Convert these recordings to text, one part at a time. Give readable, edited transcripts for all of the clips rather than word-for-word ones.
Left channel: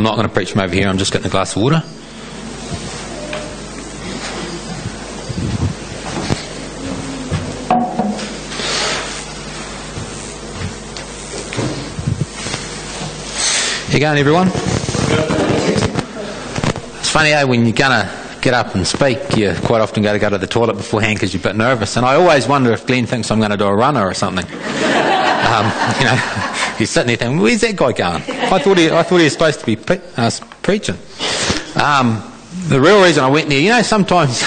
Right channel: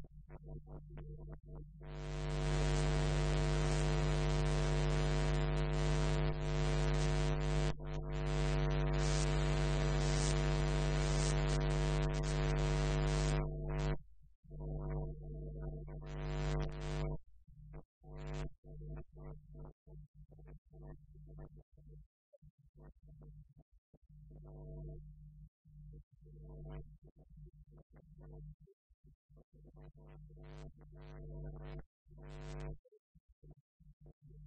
I'm not going to preach from over here, I'm just getting a glass of water. You going, everyone? It's funny, when you're going to get up and speak, you quite often got to go to the toilet beforehand because you're a bit nervous. And I always wonder if Glenn thinks I'm going to do a runner or something. He's sitting there thinking, where's that guy going? I thought he was supposed to be preaching. The real reason I went there, sometimes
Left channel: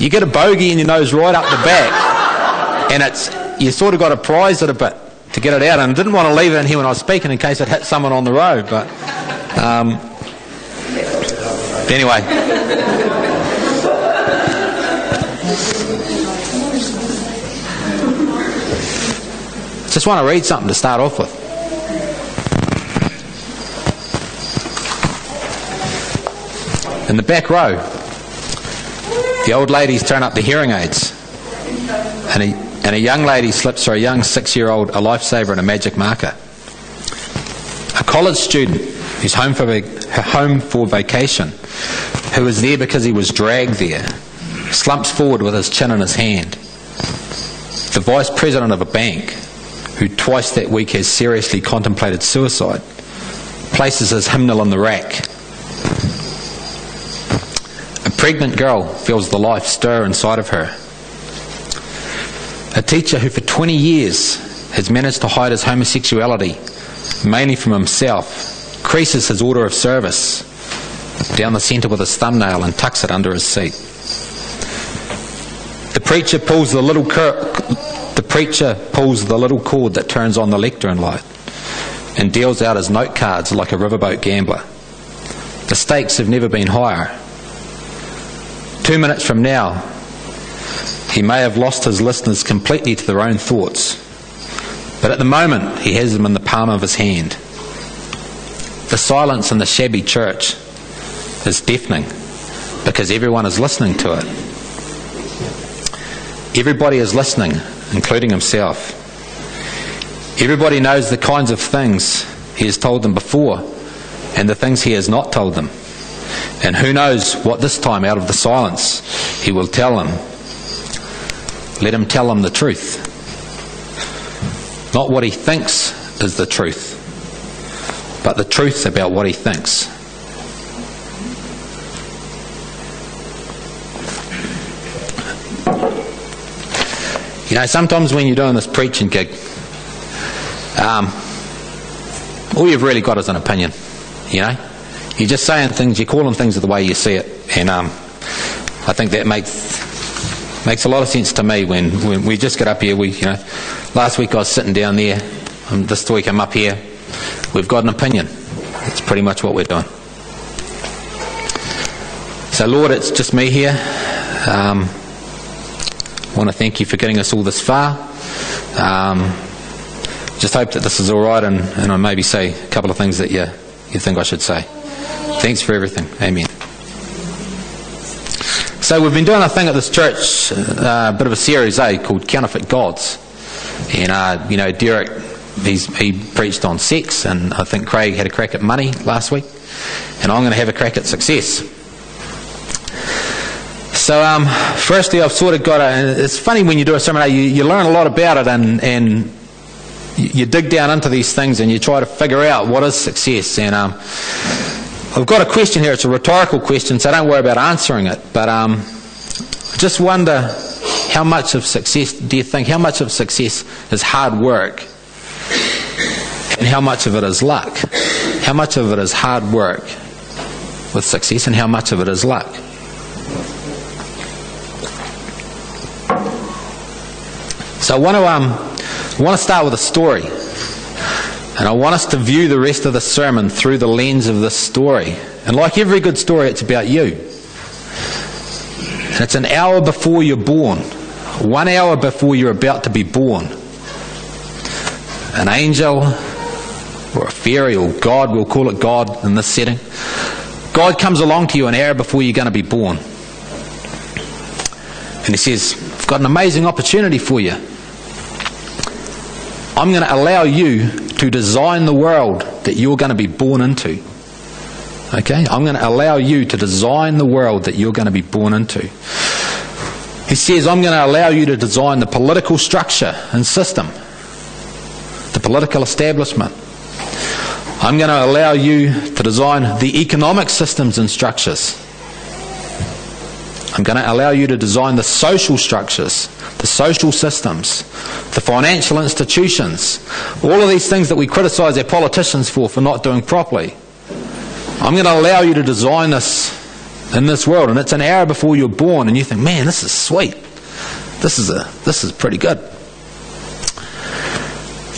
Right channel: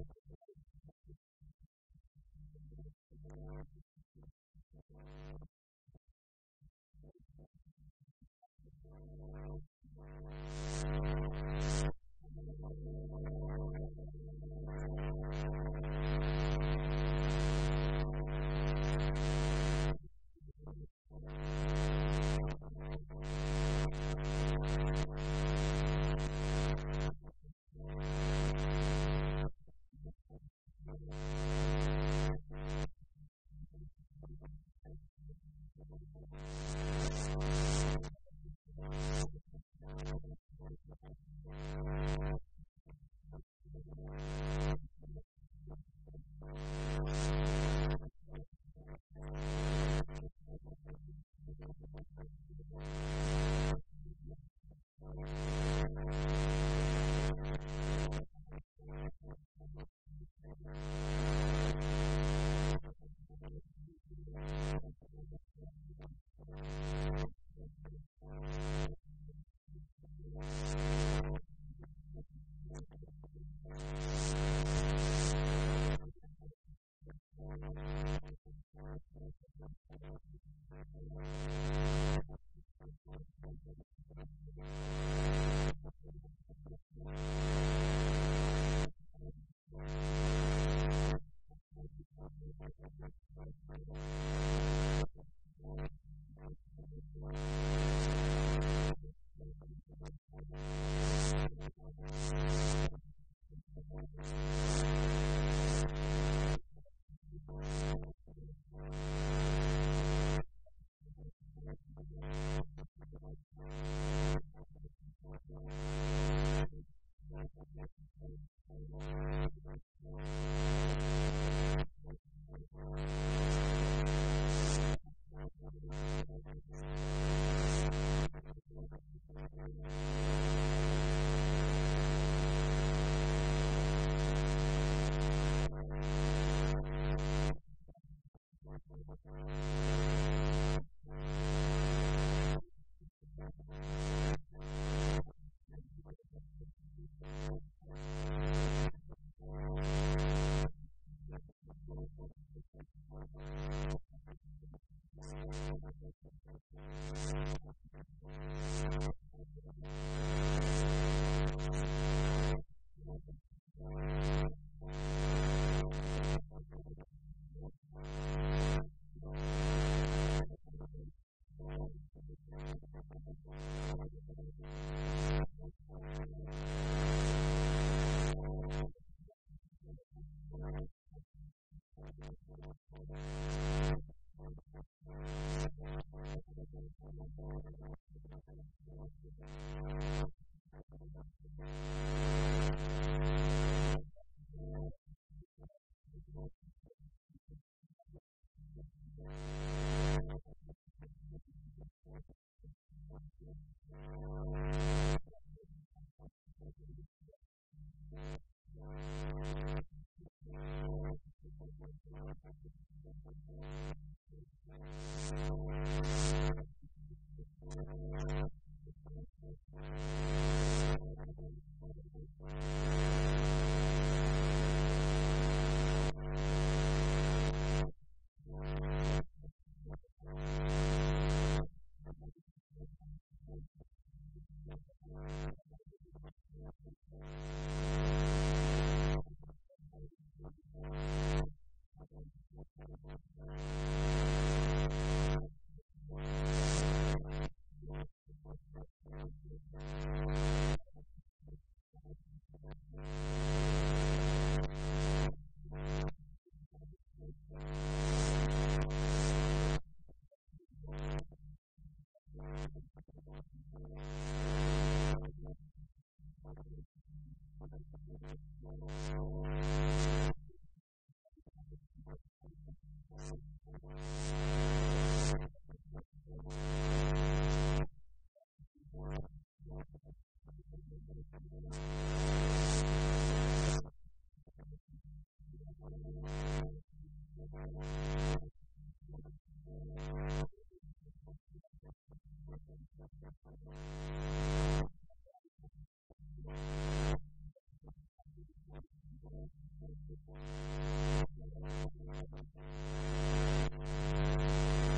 you get a bogey in your nose right up the back, and you sort of got to prize it a bit to get it out, and I didn't want to leave it in here when I was speaking in case it hit someone on the road, but anyway. Just want to read something to start off with. In the back row, the old ladies turn up the hearing aids, and a young lady slips her a young 6-year-old a lifesaver and a magic marker. A college student who's home for vacation, who is there because he was dragged there, slumps forward with his chin in his hand. The vice president of a bank, who twice that week has seriously contemplated suicide, places his hymnal in the rack. A pregnant girl feels the life stir inside of her. A teacher who for 20 years has managed to hide his homosexuality, mainly from himself, creases his order of service down the centre with his thumbnail and tucks it under his seat. The preacher pulls the little cord that turns on the lectern light and deals out his note cards like a riverboat gambler. The stakes have never been higher. 2 minutes from now, he may have lost his listeners completely to their own thoughts, but at the moment he has them in the palm of his hand. The silence in the shabby church is deafening because everyone is listening to it. Everybody is listening, including himself. Everybody knows the kinds of things he has told them before and the things he has not told them. And who knows what this time out of the silence he will tell them. Let him tell them the truth. Not what he thinks is the truth, but the truth about what he thinks. Sometimes when you're doing this preaching gig, all you've really got is an opinion, You're just saying things, you're calling things the way you see it, and I think that makes a lot of sense to me when we just get up here. Last week I was sitting down there, this week I'm up here. We've got an opinion. That's pretty much what we're doing. So Lord, it's just me here. I want to thank you for getting us all this far. Just hope that this is all right, and I maybe say a couple of things that you think I should say. Thanks for everything. Amen. So we've been doing a thing at this church, a bit of a series, called Counterfeit Gods. And, Derek, he preached on sex, and I think Craig had a crack at money last week. And I'm going to have a crack at success. So, firstly, I've sort of got it's funny when you do a seminar, you learn a lot about it, and you dig down into these things and you try to figure out what is success. And I've got a question here. It's a rhetorical question, so don't worry about answering it. But just wonder, how much of success is hard work, and how much of it is luck? How much of it is hard work with success, and how much of it is luck? So I want to start with a story, and I want us to view the rest of the sermon through the lens of this story. And like every good story, it's about you. And it's an hour before you're born, 1 hour before you're about to be born. An angel, or a fairy, or God, we'll call it God in this setting. God comes along to you an hour before you're going to be born. And he says, I've got an amazing opportunity for you. I'm going to allow you to design the world that you're going to be born into. Okay? I'm going to allow you to design the world that you're going to be born into. He says, I'm going to allow you to design the political structure and system, the political establishment. I'm going to allow you to design the economic systems and structures. I'm going to allow you to design the social structures, the social systems, the financial institutions, all of these things that we criticise our politicians for not doing properly. I'm going to allow you to design this in this world, and it's an hour before you're born, and you think, man, this is sweet. This is pretty good.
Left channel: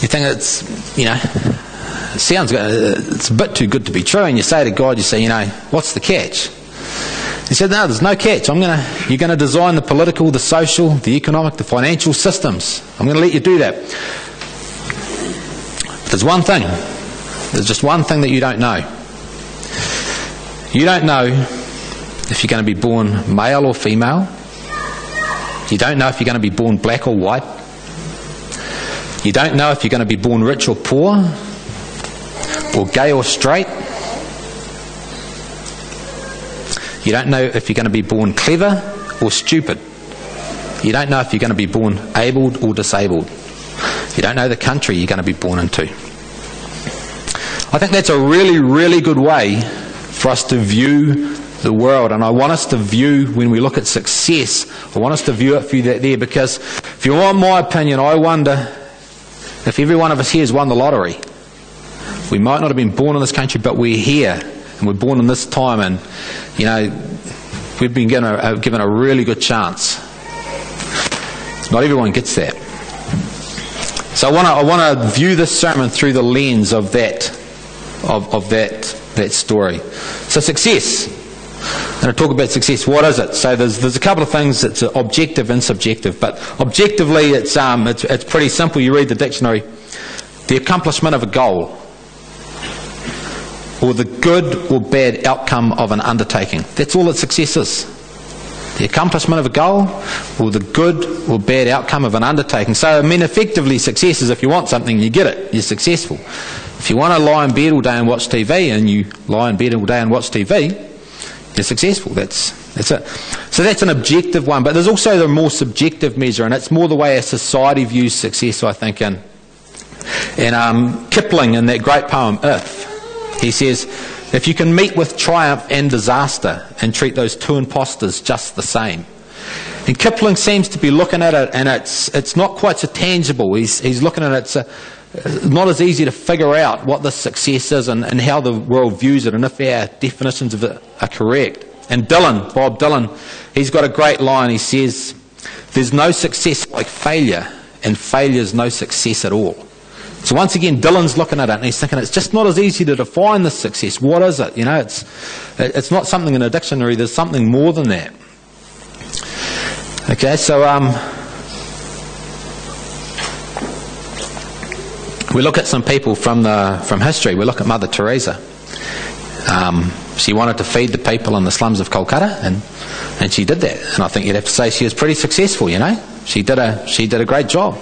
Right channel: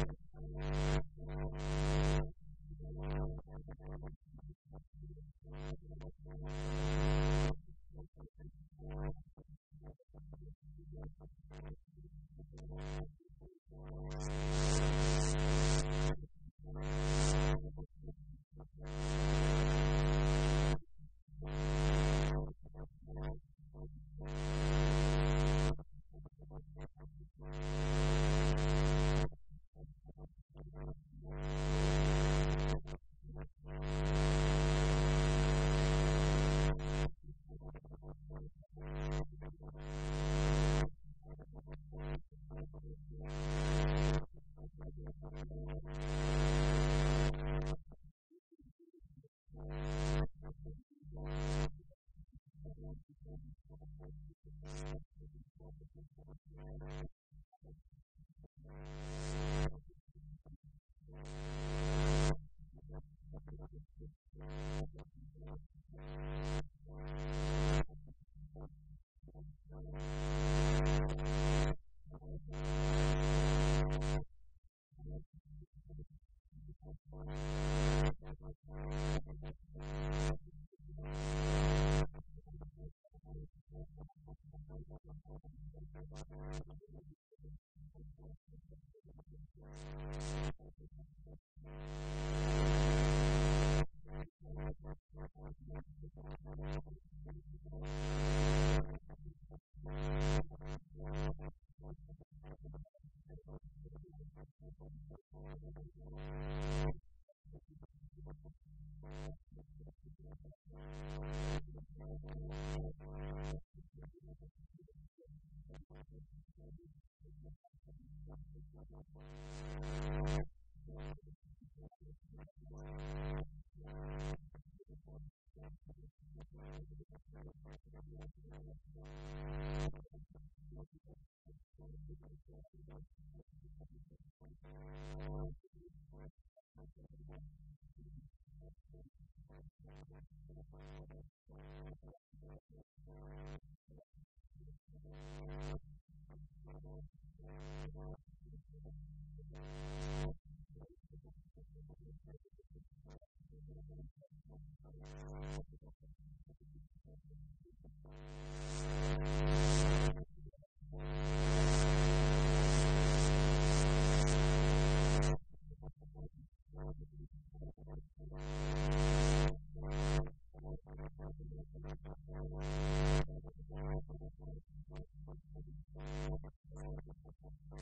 You think it's, it sounds good, it's a bit too good to be true, and you say to God, you say, what's the catch? He said, no, there's no catch. You're going to design the political, the social, the economic, the financial systems. I'm going to let you do that. But there's one thing. There's just one thing that you don't know. You don't know if you're going to be born male or female. You don't know if you're going to be born black or white. You don't know if you're going to be born rich or poor, or gay or straight. You don't know if you're going to be born clever or stupid. You don't know if you're going to be born abled or disabled. You don't know the country you're going to be born into. I think that's a really, really good way for us to view the world, and I want us to view, when we look at success, I want us to view it through that there, because if you want my opinion, I wonder if every one of us here has won the lottery. We might not have been born in this country, but we're here, and we're born in this time, and we've been given a really good chance. Not everyone gets that. So I want to view this sermon through the lens of that story. So success. I'm going to talk about success. What is it? So there's a couple of things that's objective and subjective, but objectively it's pretty simple. You read the dictionary. The accomplishment of a goal, or the good or bad outcome of an undertaking. That's all that success is. The accomplishment of a goal, or the good or bad outcome of an undertaking. So, effectively, success is if you want something, you get it. You're successful. If you want to lie in bed all day and watch TV, and you lie in bed all day and watch TV, you're successful. That's it. So that's an objective one. But there's also the more subjective measure, and it's more the way a society views success, I think. And Kipling, in that great poem, If, he says, if you can meet with triumph and disaster and treat those two impostors just the same. And Kipling seems to be looking at it, and it's not quite so tangible. He's looking at it, it's not as easy to figure out what the success is and how the world views it, and if our definitions of it are correct. And Bob Dylan, he's got a great line. He says, there's no success like failure, and failure's no success at all. So once again, Dylan's looking at it and he's thinking it's just not as easy to define this success. What is it? It's not something in a dictionary. There's something more than that. Okay, so we look at some people from history. We look at Mother Teresa. She wanted to feed the people in the slums of Kolkata, and she did that. And I think you'd have to say she was pretty successful. She did a great job.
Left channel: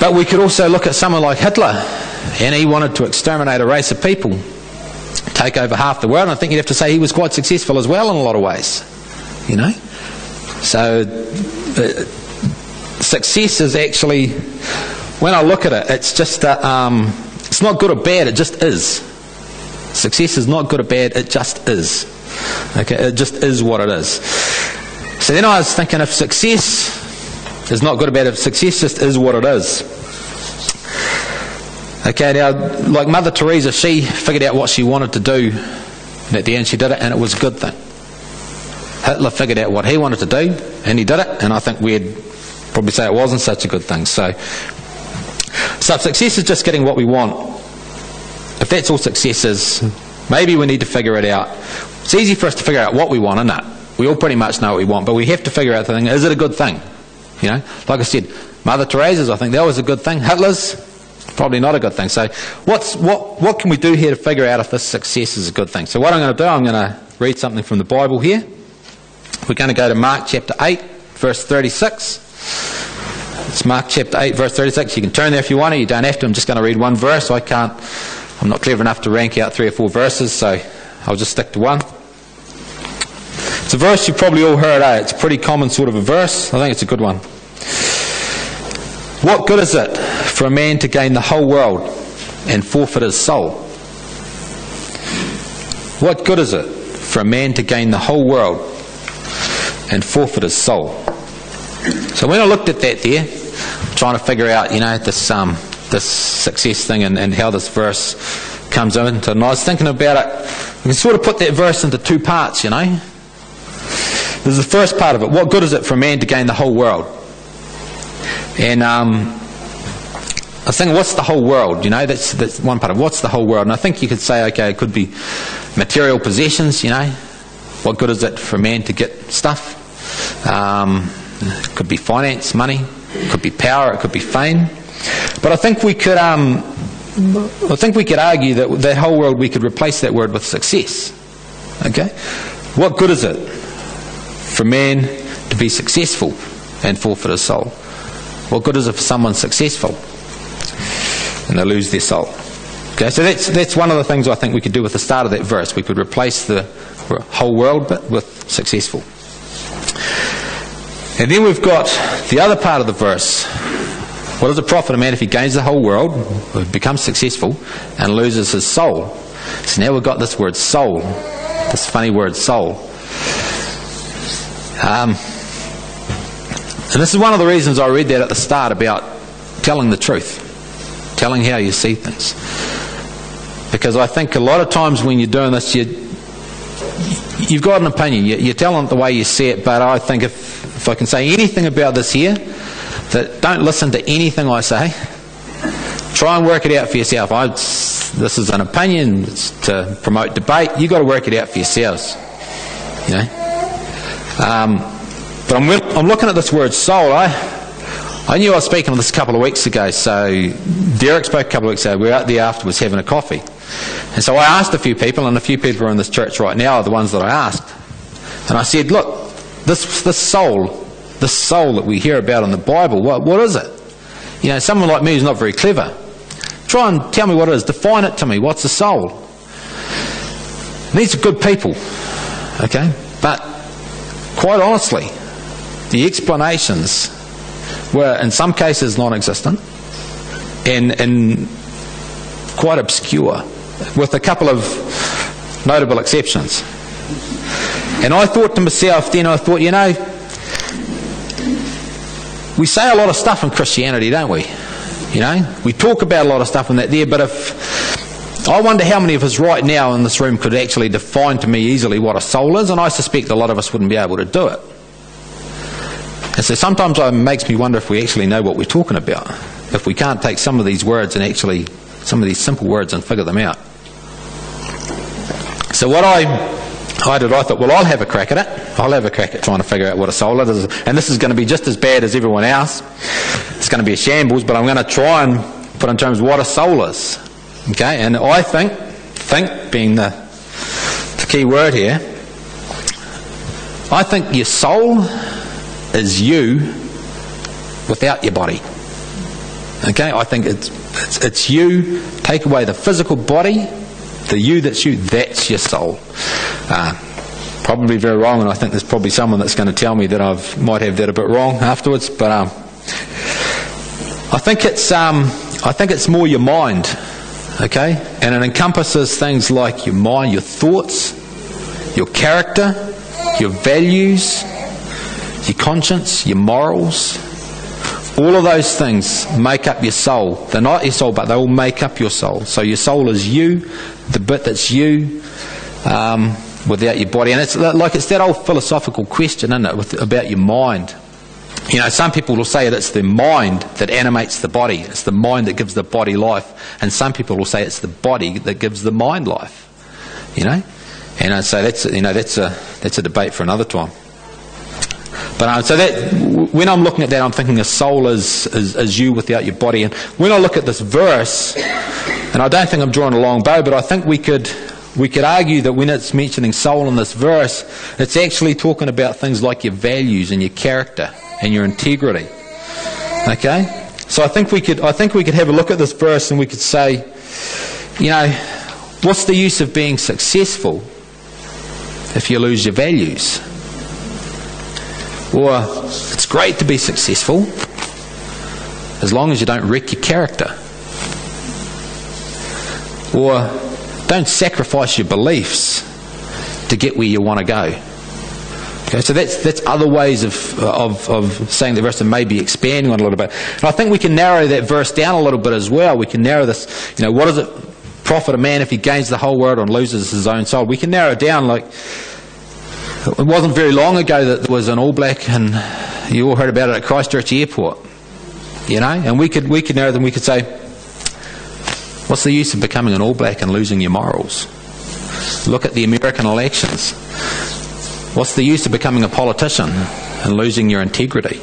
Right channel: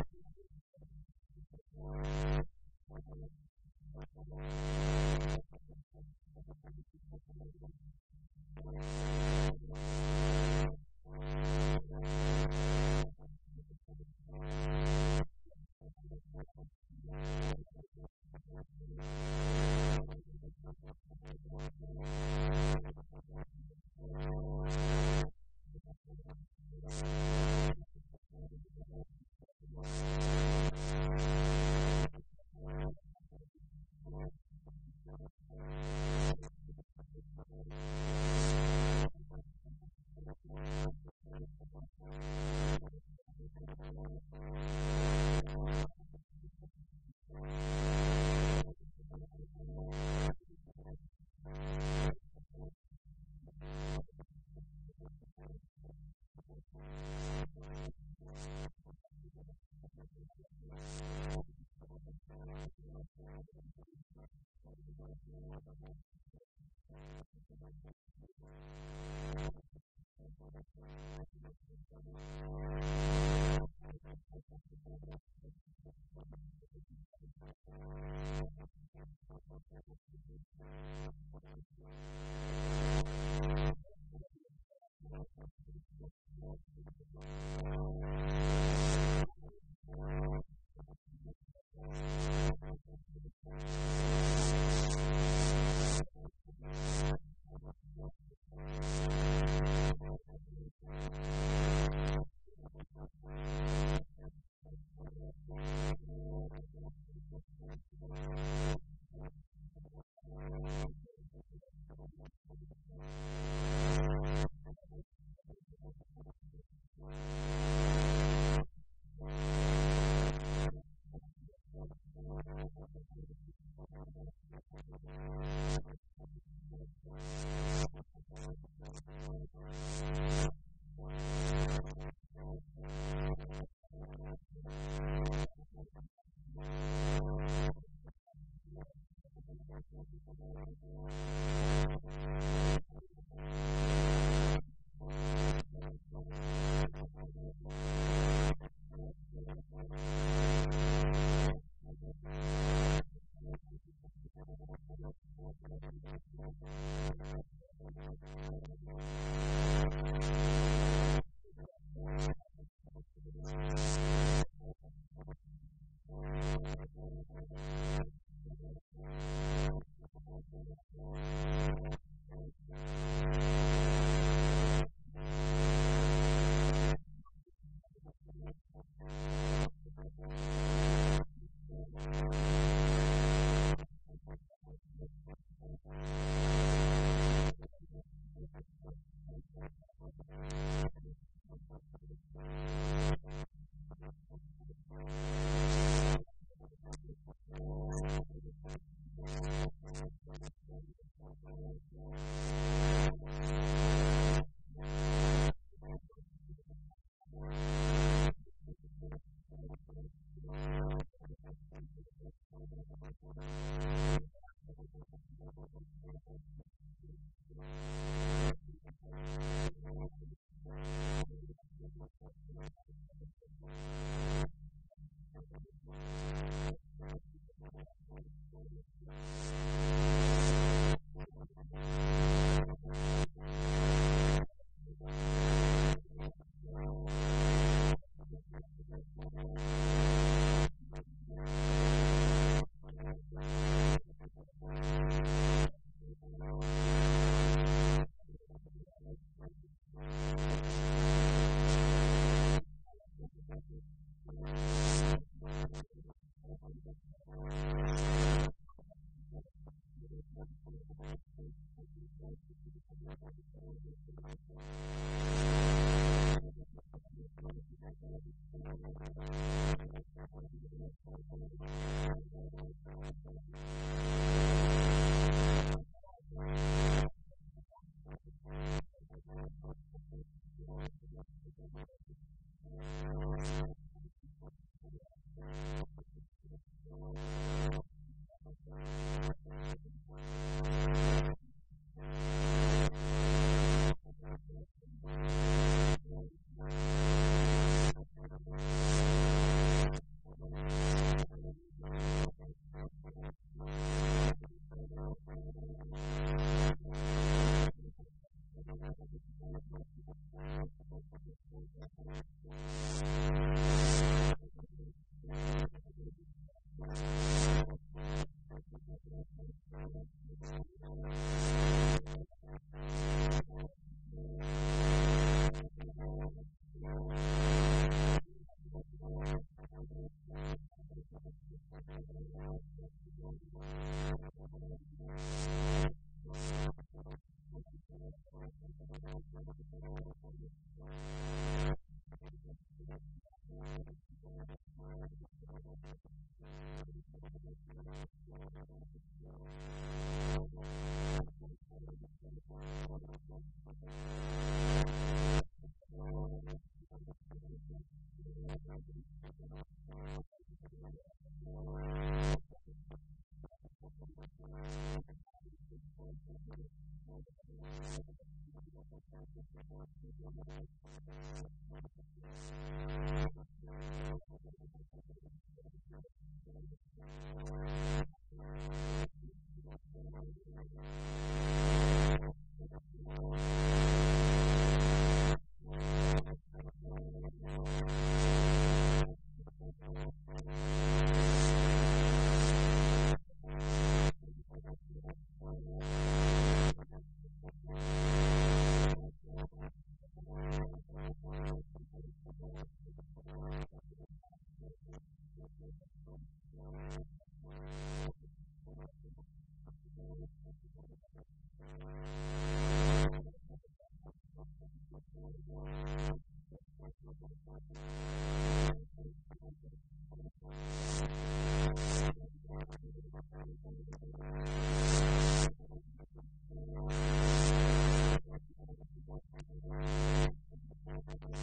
But we could also look at someone like Hitler, and he wanted to exterminate a race of people, take over half the world, and I think you'd have to say he was quite successful as well in a lot of ways. So success is actually, when I look at it, it's just it's not good or bad, it just is. Success is not good or bad, it just is. Okay, it just is what it is. So then I was thinking, if success is not good or bad, if success just is what it is. Okay, now, like Mother Teresa, she figured out what she wanted to do, and at the end she did it, and it was a good thing. Hitler figured out what he wanted to do, and he did it, and I think we'd probably say it wasn't such a good thing. So if success is just getting what we want, if that's all success is, maybe we need to figure it out. It's easy for us to figure out what we want, isn't it? We all pretty much know what we want, but we have to figure out the thing, is it a good thing? Like I said, Mother Teresa's, I think that was a good thing. Hitler's, probably not a good thing. So what can we do here to figure out if this success is a good thing? So what I'm going to do, I'm going to read something from the Bible here. We're going to go to Mark chapter 8, verse 36. It's Mark chapter 8, verse 36. You can turn there if you want to. You don't have to. I'm just going to read one verse. I can't I'm not clever enough to rank out 3 or 4 verses, so I'll just stick to one. It's a verse you've probably all heard, It's a pretty common sort of a verse. I think it's a good one. What good is it for a man to gain the whole world and forfeit his soul? What good is it for a man to gain the whole world and forfeit his soul? So when I looked at that there, trying to figure out, this success thing and how this verse comes into it, and I was thinking about it, we can sort of put that verse into 2 parts, There's the first part of it. What good is it for a man to gain the whole world? And I was thinking, what's the whole world? That's one part of it. What's the whole world? And I think you could say, okay, it could be material possessions, What good is it for a man to get stuff? It could be finance, money. It could be power. It could be fame. But I think we could argue that the whole world, we could replace that word with success. Okay? What good is it for a man to be successful and forfeit his soul? What good is it for someone successful and they lose their soul? Okay, so that's one of the things I think we could do with the start of that verse. We could replace the whole world bit with successful. And then we've got the other part of the verse. What does it profit a man if he gains the whole world, becomes successful, and loses his soul? So now we've got this word soul, this funny word soul. And this is one of the reasons I read that at the start about telling the truth, telling how you see things. Because I think a lot of times when you're doing this, you've got an opinion. You're telling it the way you see it, but I think if I can say anything about this here, that don't listen to anything I say. Try and work it out for yourself. This is an opinion. It's to promote debate. You've got to work it out for yourselves. But I'm looking at this word soul. I knew I was speaking on this a couple of weeks ago. So Derek spoke a couple of weeks ago. We were out there afterwards having a coffee. And so I asked a few people, and a few people who are in this church right now are the ones that I asked. And I said, look, this soul that we hear about in the Bible, what is it? Someone like me who's not very clever, try and tell me what it is. Define it to me. What's a soul? And these are good people, okay? But quite honestly, the explanations were in some cases non-existent and quite obscure, with a couple of notable exceptions. And I thought to myself then, we say a lot of stuff in Christianity, don't we? We talk about a lot of stuff in that there, but I wonder how many of us right now in this room could actually define to me easily what a soul is, and I suspect a lot of us wouldn't be able to do it. And so sometimes it makes me wonder if we actually know what we're talking about, if we can't take some of these words and actually, some of these simple words and figure them out. So what I thought, well, I'll have a crack at it. I'll have a crack at trying to figure out what a soul is. And this is going to be just as bad as everyone else. It's going to be a shambles, but I'm going to try and put in terms of what a soul is. Okay? And I think being the key word here, I think your soul is you without your body. Okay? I think it's you. Take away the physical body, the you that's you, that's your soul. Probably very wrong, and I think there's probably someone that's going to tell me that I might have that a bit wrong afterwards. But I think it's more your mind, okay? And it encompasses things like your mind, your thoughts, your character, your values, your conscience, your morals. All of those things make up your soul. They're not your soul, but they all make up your soul. So your soul is you, the bit that's you, without your body. And it's that old philosophical question, isn't it, about your mind. Some people will say that it's the mind that animates the body. It's the mind that gives the body life. And some people will say it's the body that gives the mind life. And so that's a debate for another time. But so that when I'm looking at that, I'm thinking a soul is you without your body. And when I look at this verse, and I don't think I'm drawing a long bow, but I think we could argue that when it's mentioning soul in this verse, it's actually talking about things like your values and your character and your integrity. Okay? So I think we could have a look at this verse and we could say, what's the use of being successful if you lose your values? Or it's great to be successful as long as you don't wreck your character. Or don't sacrifice your beliefs to get where you want to go. Okay, so that's other ways of saying the verse and maybe expanding on it a little bit. And I think we can narrow that verse down a little bit as well. We can narrow this, what does it profit a man if he gains the whole world and loses his own soul? We can narrow it down like, it wasn't very long ago that there was an All Black, and you all heard about it at Christchurch Airport, and we could narrow them. We could say, what's the use of becoming an All Black and losing your morals? Look at the American elections. What's the use of becoming a politician and losing your integrity?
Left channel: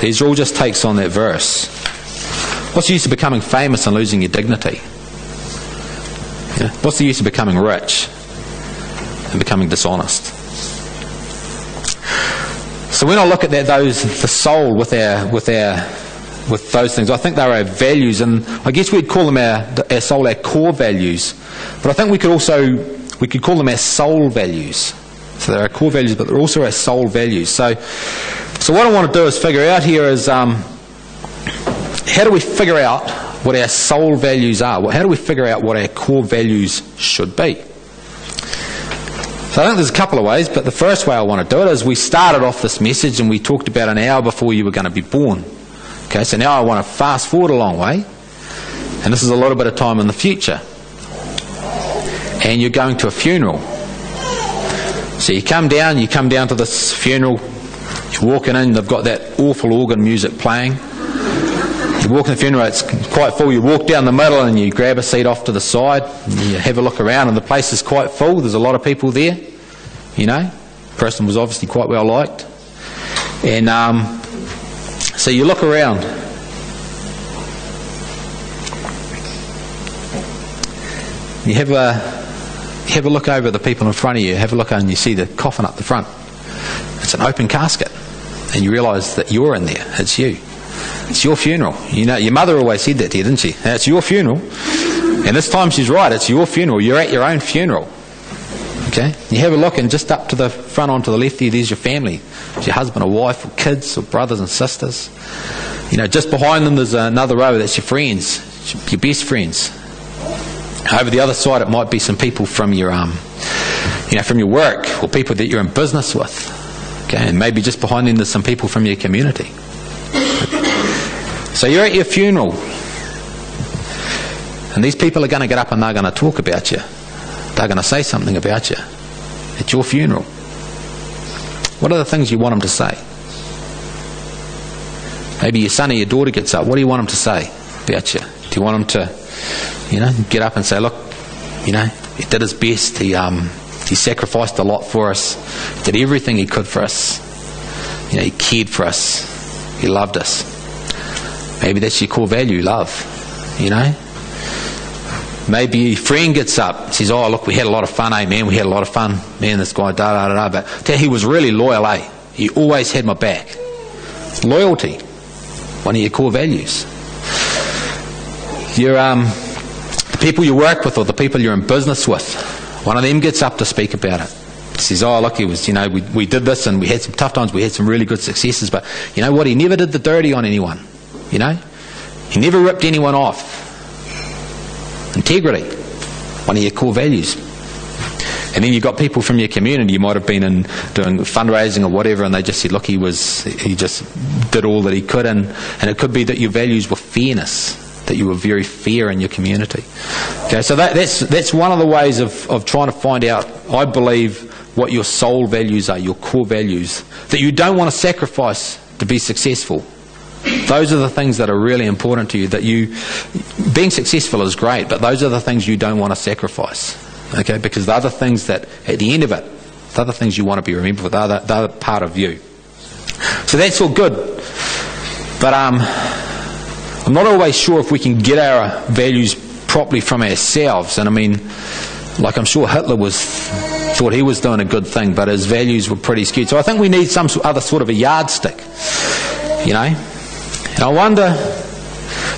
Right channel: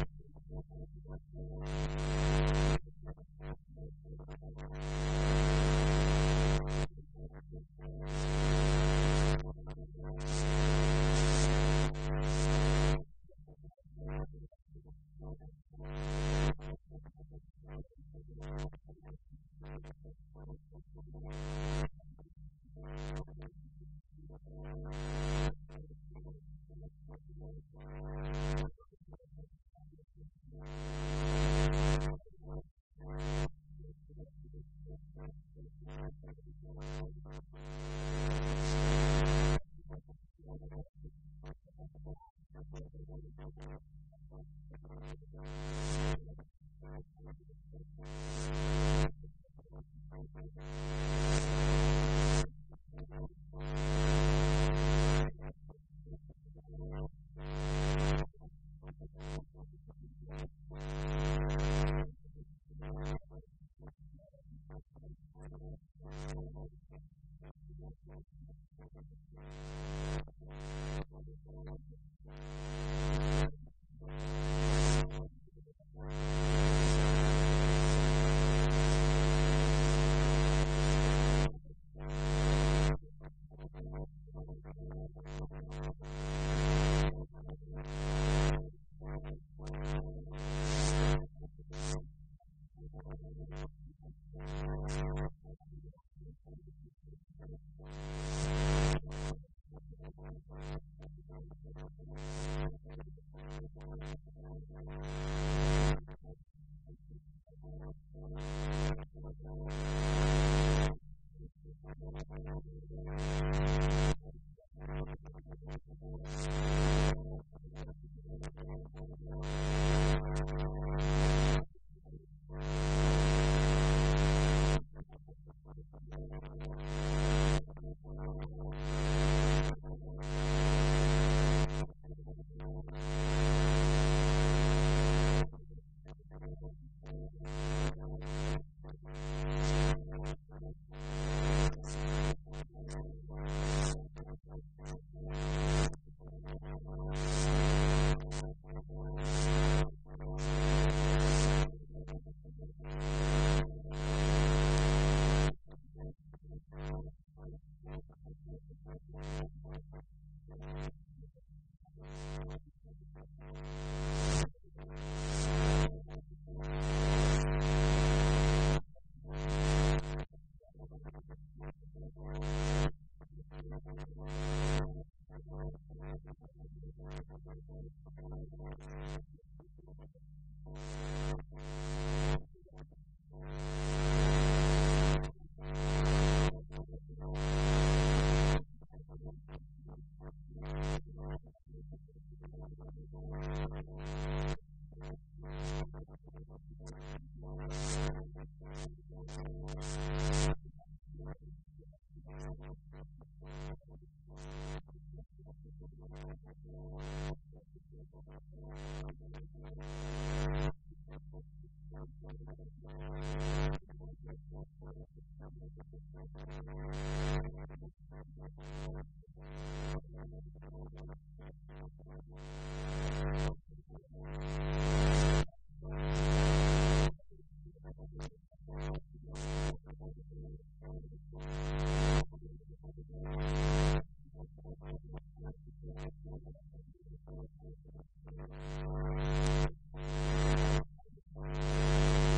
These are all just takes on that verse. What's the use of becoming famous and losing your dignity? What's the use of becoming rich and becoming dishonest? So when I look at that, the soul with those things, I think they're our values, and I guess we'd call them our soul, our core values. But I think we could call them our soul values. So they're our core values, but they're also our soul values. So what I want to do is figure out here is how do we figure out what our soul values are? How do we figure out what our core values should be? So I think there's a couple of ways, but the first way I want to do it is we started off this message and we talked about an hour before you were going to be born. Okay, so now I want to fast forward a long way, and this is a little bit of time in the future. And you're going to a funeral. So you come down to this funeral, you're walking in, they've got that awful organ music playing. You walk in the funeral, it's quite full, you walk down the middle and you grab a seat off to the side, and you have a look around, and the place is quite full, there's a lot of people there, The person was obviously quite well liked. And so you look around. You have a look over the people in front of you, have a look and you see the coffin up the front. It's an open casket, and you realise that you're in there. It's you. It's your funeral. Your mother always said that to you, didn't she? It's your funeral. And this time she's right, it's your funeral. You're at your own funeral. Okay? You have a look, and just up to the front onto the left there's your family. It's your husband or wife or kids or brothers and sisters. Just behind them there's another row, that's your friends, your best friends. Over the other side it might be some people from your from your work, or people that you're in business with. Okay, and maybe just behind them there's some people from your community. So you're at your funeral, and these people are going to get up and they're going to talk about you. They're going to say something about you at your funeral. What are the things you want them to say? Maybe your son or your daughter gets up. What do you want them to say about you? Do you want them to get up and say, look, he did his best, he sacrificed a lot for us, did everything he could for us, he cared for us, he loved us. Maybe that's your core value, love, Maybe your friend gets up, says, oh look, we had a lot of fun, man, we had a lot of fun, man, this guy, but he was really loyal, he always had my back. Loyalty, one of your core values. The people you work with, or the people you're in business with, one of them gets up to speak about it. Says, oh look, it was, we did this and we had some tough times, we had some really good successes, but you know what, he never did the dirty on anyone. He never ripped anyone off. Integrity, one of your core values. And then you've got people from your community, you might have been in doing fundraising or whatever, and they just said, look, he just did all that he could, and it could be that your values were fairness, that you were very fair in your community. Okay, so that's one of the ways of trying to find out, I believe, what your soul values are, your core values, that you don't want to sacrifice to be successful. Those are the things that are really important to you, being successful is great, but those are the things you don't want to sacrifice. Okay, because they're the things that, at the end of it, they're the things you want to be remembered for, they're part of you. So that's all good. But I'm not always sure if we can get our values properly from ourselves. And I'm sure Hitler thought he was doing a good thing, but his values were pretty skewed. So I think we need some other sort of a yardstick, And I wonder,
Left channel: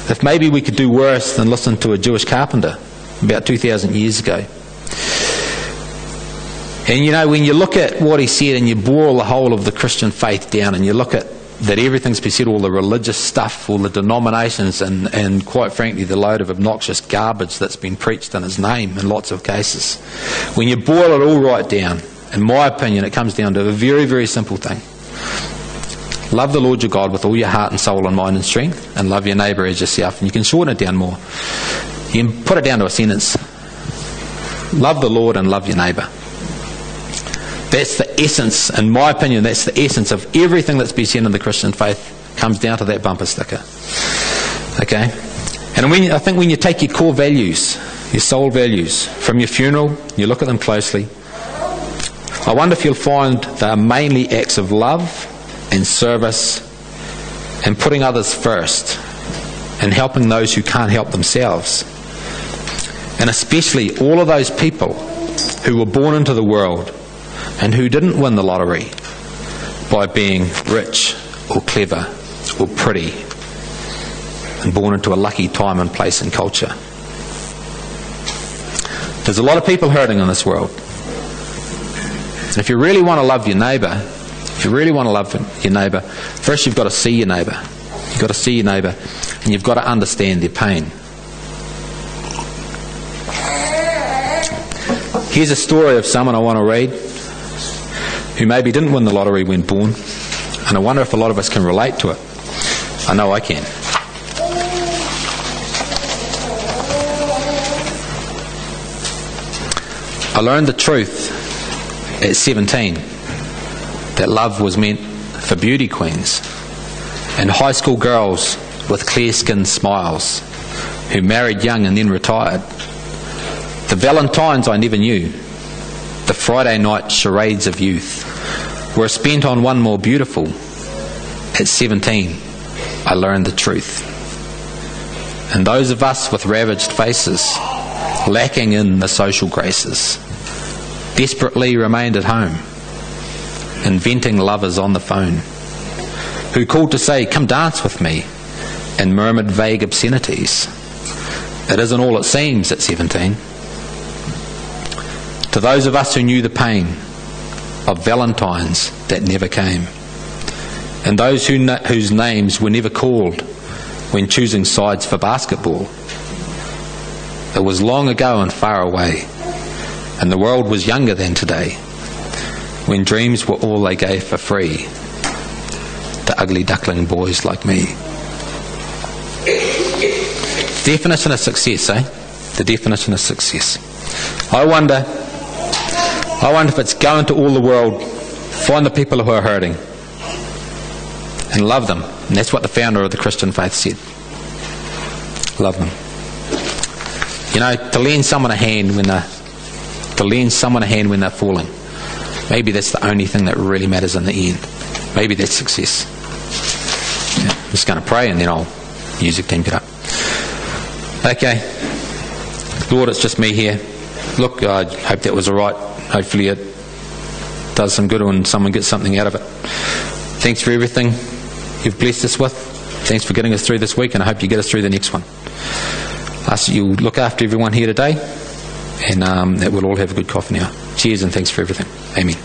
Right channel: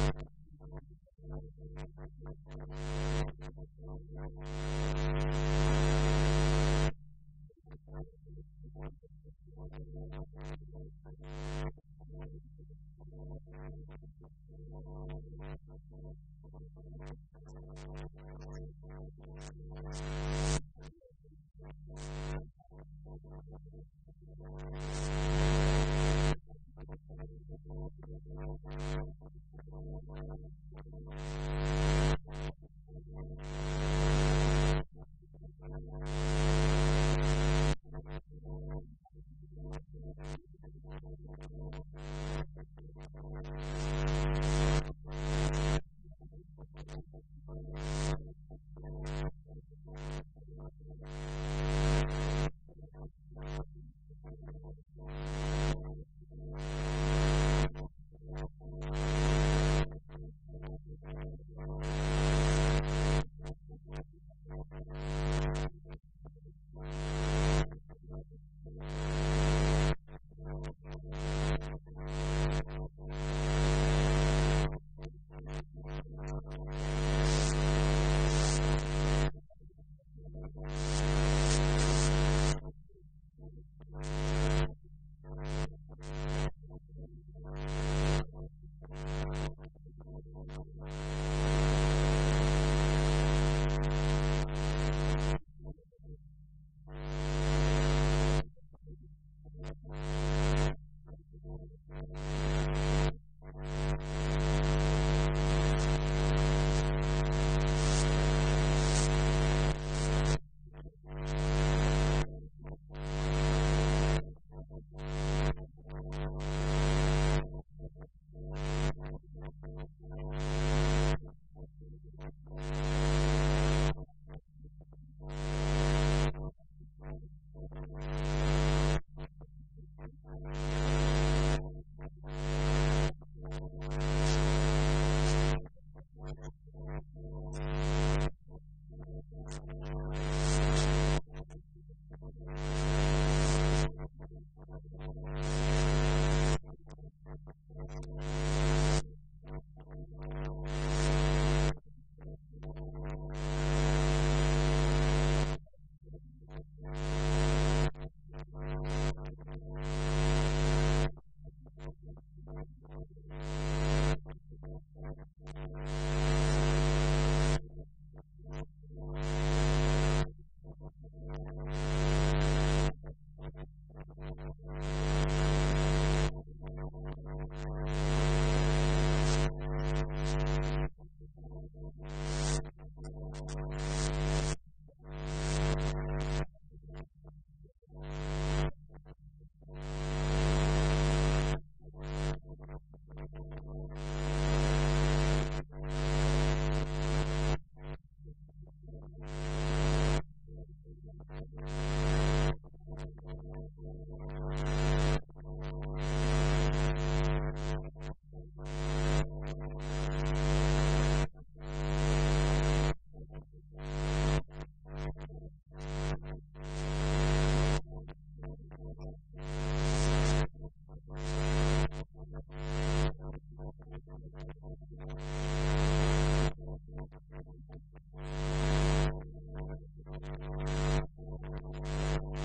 if maybe we could do worse than listen to a Jewish carpenter about 2,000 years ago. And you know, when you look at what he said and you boil the whole of the Christian faith down and you look at that everything's been said, all the religious stuff, all the denominations, and quite frankly the load of obnoxious garbage that's been preached in his name in lots of cases. When you boil it all right down, in my opinion, it comes down to a very, very simple thing. Love the Lord your God with all your heart and soul and mind and strength, and love your neighbour as yourself. And you can shorten it down more. You can put it down to a sentence. Love the Lord and love your neighbour. That's the essence, in my opinion, that's the essence of everything that's been said in the Christian faith, comes down to that bumper sticker. Okay? And I think when you take your core values, your soul values, from your funeral, you look at them closely, I wonder if you'll find they are mainly acts of love and service and putting others first and helping those who can't help themselves. And especially all of those people who were born into the world and who didn't win the lottery by being rich or clever or pretty and born into a lucky time and place and culture. There's a lot of people hurting in this world. And if you really want to love your neighbour, first you've got to see your neighbour. You've got to see your neighbour and you've got to understand their pain. Here's a story of someone I want to read who maybe didn't win the lottery when born, and I wonder if a lot of us can relate to it. I know I can. I learned the truth at 17 that love was meant for beauty queens and high school girls with clear-skinned smiles who married young and then retired. The Valentines I never knew, the Friday night charades of youth, were spent on one more beautiful. At 17, I learned the truth. And those of us with ravaged faces, lacking in the social graces, desperately remained at home, inventing lovers on the phone, who called to say, "Come dance with me," and murmured vague obscenities. It isn't all it seems at 17. To those of us who knew the pain of Valentines that never came, and those whose names were never called when choosing sides for basketball, it was long ago and far away, and the world was younger than today, when dreams were all they gave for free to ugly duckling boys like me. Definition of success, eh? The definition of success. I wonder if it's going to all the world, find the people who are hurting and love them. And that's what the founder of the Christian faith said. Love them. You know, to lend someone a hand when they're falling. Maybe that's the only thing that really matters in the end. Maybe that's success. Yeah, I'm just going to pray and then I'll music team get up. Okay. Lord, it's just me here. Look, I hope that was all right. Hopefully it does some good and someone gets something out of it. Thanks for everything you've blessed us with. Thanks for getting us through this week, and I hope you get us through the next one. I ask that you look after everyone here today, and that we'll all have a good coffee now. Cheers and thanks for everything. Amen.